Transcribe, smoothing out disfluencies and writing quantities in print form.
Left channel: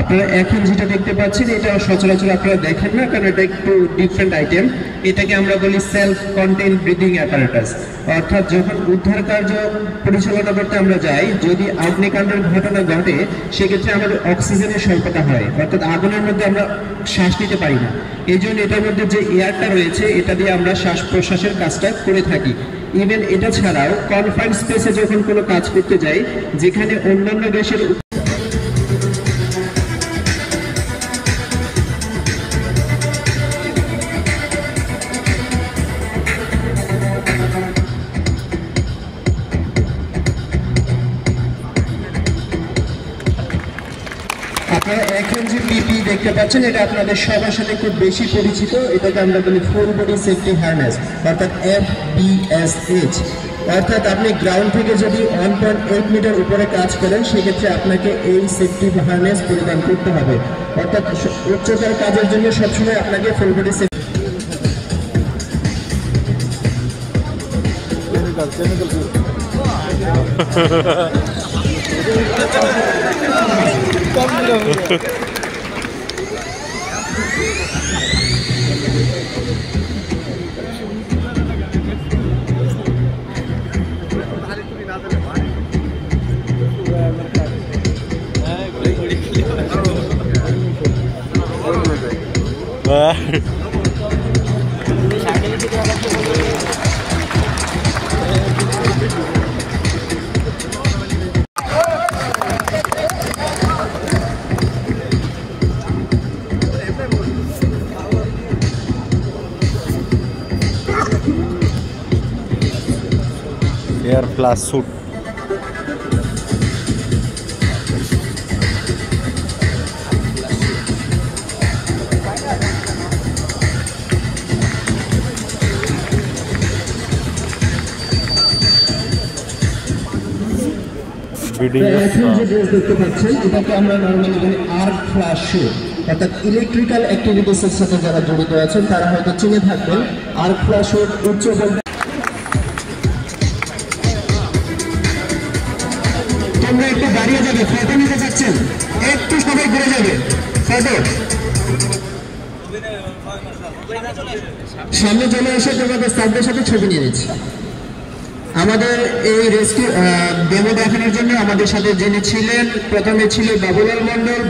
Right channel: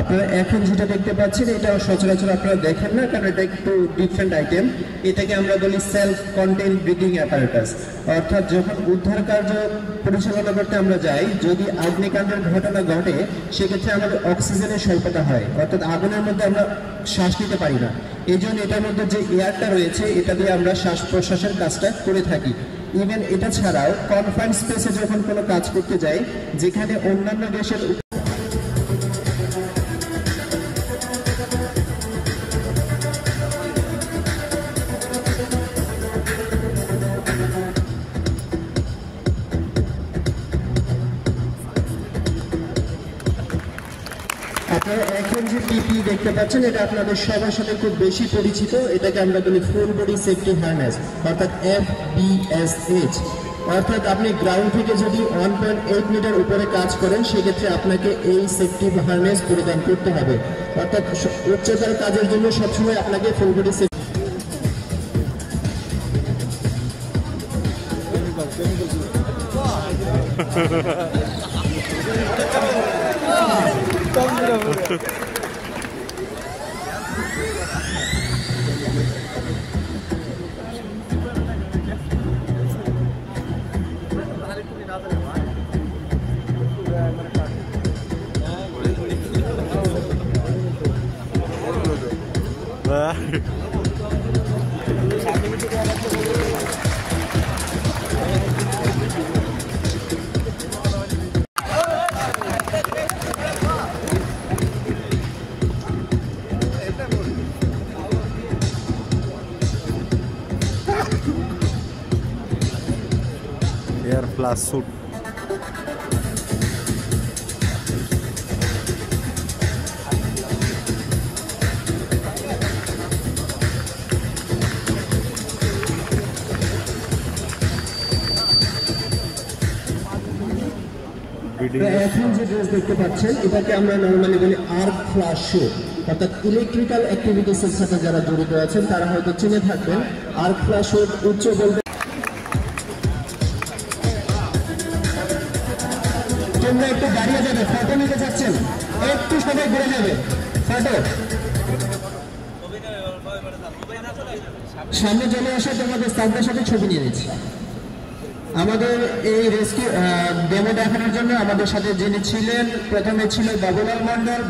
আপনারা এখন যেটা দেখতে পাচ্ছেন এটা সচরাচর আপনারা দেখেন না, কারণ এটা একটু ডিফারেন্ট আইটেম। এটাকে আমরা বলি সেলফ কন্টেইন ব্রিদিং অ্যাপারেটাস। অর্থাৎ যখন উদ্ধার কার্য পরিচালনা করতে আমরা যাই, যদি অগ্নিকাণ্ডের ঘটনা ঘটে সেক্ষেত্রে আমাদের অক্সিজেনের স্বল্পতা হয়, অর্থাৎ আগুনের মধ্যে আমরা শ্বাস নিতে পারি না। এই জন্য এটার মধ্যে যে এয়ারটা রয়েছে এটা দিয়ে আমরা শ্বাস প্রশ্বাসের কাজটা করে থাকি। ইভেন এটা ছাড়াও কনফাইন্ড স্পেসে যখন কোনো কাজ করতে যাই, যেখানে অন্যান্য দেশের আপনারা এখন যে পিপি দেখতে পাচ্ছেন এটা আপনাদের সবার সাথে খুব বেশি পরিচিত। এটাকে আমরা বলি ফুল বডি সেফটি হারনেস, অর্থাৎ FBSH। অর্থাৎ আপনি গ্রাউন্ড থেকে যদি 1.8 মিটার উপরে কাজ করেন সেক্ষেত্রে আপনাকে এই সেফটি হারনেস পরিধান করতে হবে। অর্থাৎ উচ্চতার কাজের জন্য সবসময় আপনাকে full body safety air plus suit এখন যে ড্রেস দেখতে পাচ্ছেন এটাকে আমরা নরমালি বলি আর্ক ফ্লাশ স্যুট। অর্থাৎ ইলেকট্রিক্যাল অ্যাক্টিভিটিসের সাথে যারা জড়িত আছেন তারা হয়তো চিনে থাকবেন। আর্ক ফ্লাশ স্যুট উচ্চ ভোল্টেজ। তোমরা একটু দাঁড়িয়ে যাবে, ফটো নিতে চাচ্ছেন একটু সবাই ঘুরে যাবে। সামনে চলে এসে তোমাদের স্যারদের সাথে ছবি নিয়ে নিচ্ছি। আমাদের এই রেস্কিউ ডেমো দেখানোর জন্য আমাদের সাথে যিনি ছিলেন, প্রথমে ছিল বাবুলাল মন্ডল।